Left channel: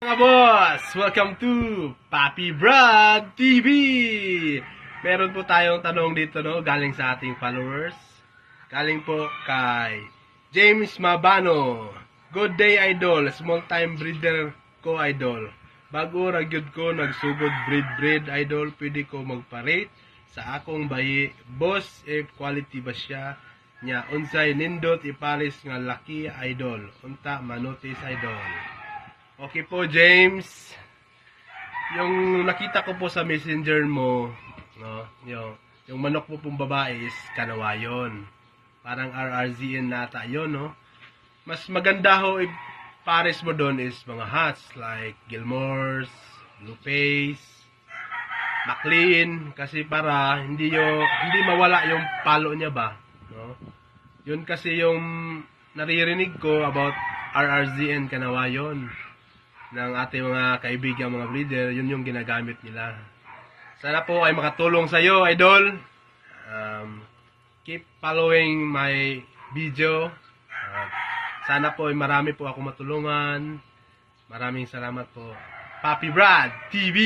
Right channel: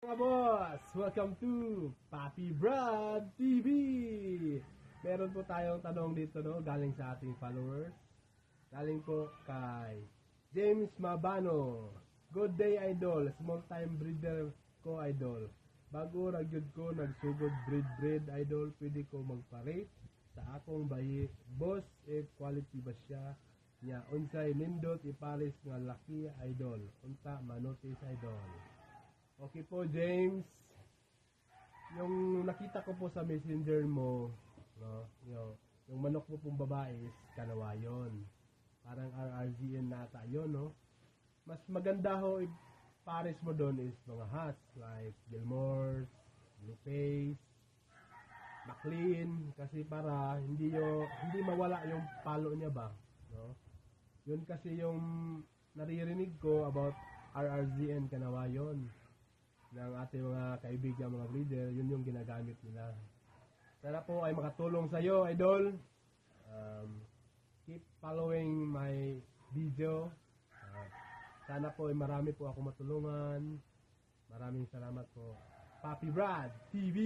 Mga boss, welcome to Papi Brad TV. Meron po tayong tanong dito galing sa ating followers. Galing po kay James Mabano. Good day idol, small time breeder ko idol. Bago ragyod ko nagsugod breed idol, pwede ko magpa-rate sa akong bayi. Boss, if quality ba siya? Nya unsay nindot ipares nga laki idol. Unta manotis idol. Okay po, James. Yung nakita ko po sa messenger mo, no, yung manok po pong babae is kanawayon. Parang RRZN nata yun, no? Mas maganda ho, pares mo doon is mga hats like Gilmore's, Blue Face, McLean, kasi para hindi mawala yung palo niya ba, no? Yun kasi yung naririnig ko about RRZN kanawayon ng ating mga kaibigan, mga breeder, yun yung ginagamit nila. Sana po ay makatulong sa iyo, idol. Keep following my video. Sana po ay marami po ako matulungan. Maraming salamat po. Papi Brad TV!